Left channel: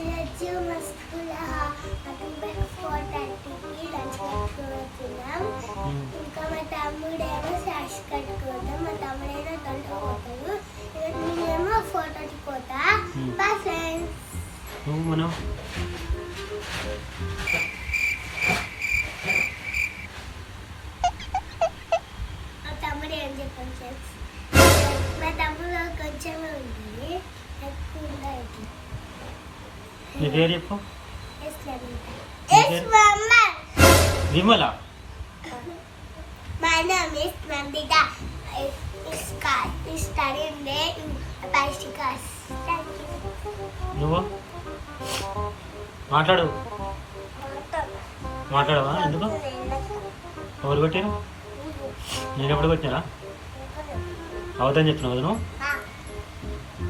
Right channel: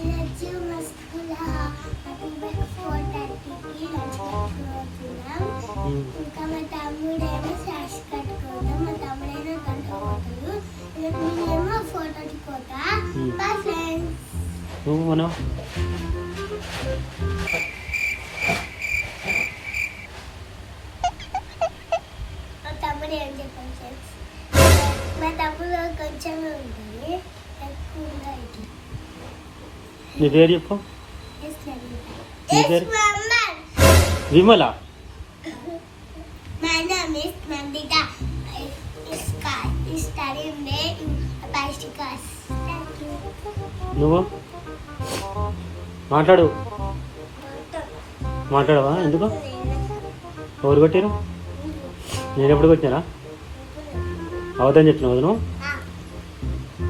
ఈరోజు మా స్కూల్ అటువైపు 4:30కి లంచ్ కట్టుకుంటున్నాం. ఇంకా మా తమ్ముడేమో సాష్ కట్టుకుందాం. మా తమ్ముడేమో దాంట్లో పోతాడు. ఈరోజు నేనేమో ఫోటోకి పోతా. మా ఫ్రెండ్స్ మనం మా తమ్ముడు ఏం చెప్పండి ఫ్రెండ్స్, మా తమ్ముడు కొంచెమే ఉంటుంది, ఎక్కువగా ఇట్లా. నీ పేరు చెప్పు. నీ పేరు Vimala. My name is Nandita. I study in bicycles. నువ్వు మాట్లాడు. మాట్లాడవా? ఎందుకు? ఎవరు కొట్టారు? నేను ఎప్పుడు కొట్టినా? అవద్దని చెప్పినావు నువ్వు.